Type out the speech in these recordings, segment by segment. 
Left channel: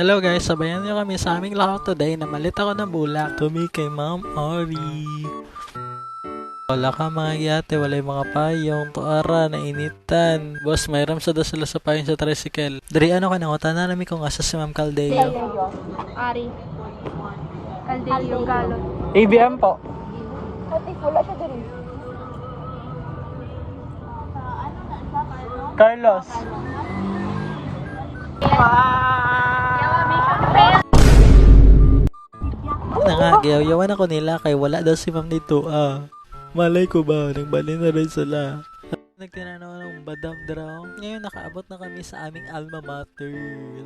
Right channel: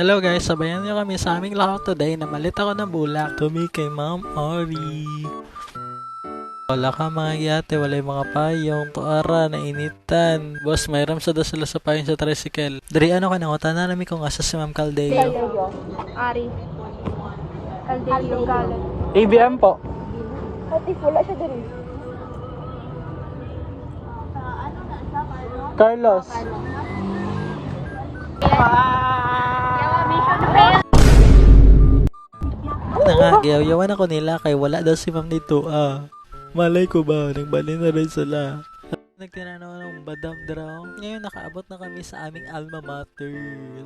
Hello guys, sabayan niyo kami sa aming lakaw today na malit ako ng bulak. Kami kay Ma'am Ori. Wala ka mga yate, wala yung mga payong, tuara, nainitan. Boss, mayroon sa sila sa payong sa tricycle. Dari ano ka na, tanan namin kung asa si Ma'am Caldeo. Ari. Caldelio Galon. ABM po. Ati, wala siya din. Carlos. Na nga, giyaw-yawan ako nila kay wala daw si Ma'am dito. Malay ko ba, nagbali na rin sila. Nagtinanaw ng badam draw. Ngayon nakaabot na kami sa aming alma mater.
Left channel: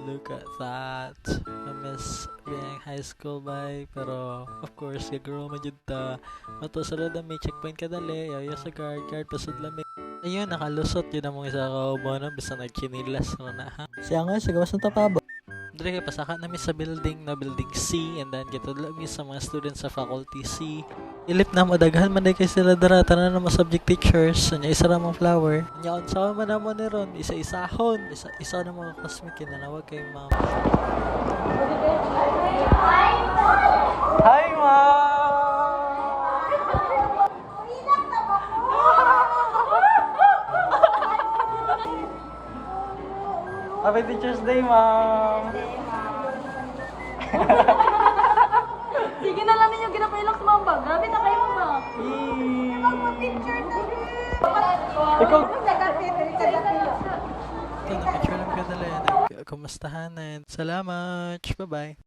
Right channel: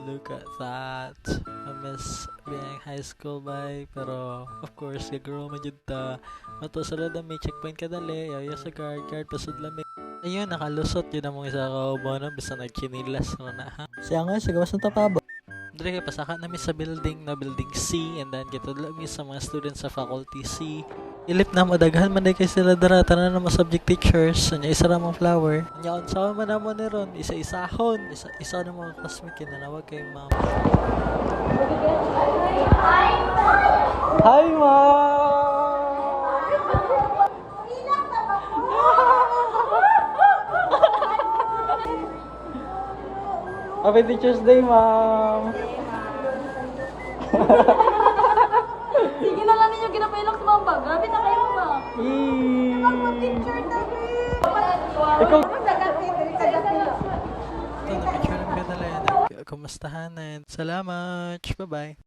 Look at that. I miss being high school by. Pero of course, gagaro man jud ta. Matusulod na may checkpoint kadali. Yayo sa guard pasud lamig. Ayun, nakalusot yun ang mga isa kaubaw bisa nagchinilas na ha. Siya nga, sigawas ng tapabo. Dre kay pasaka namin sa building na building C and then kita lami sa mga students sa faculty C. Ilip na mo daghan man day kay sila dara tanan na mga subject teachers nya isa ra mga flower. Nya unsa man na mo ni ron isa-isahon isa na mga classmate kinanawag kay ma'am. Hi ma'am. Happy Teacher's Day, ma'am. Sige na lang ninyo ginapayalok sa mga bag. Grabe na kayo ba? Ikaw. Ito, na-picture lang ka dali. Nagkumustahanan. Salamat. Bye-bye.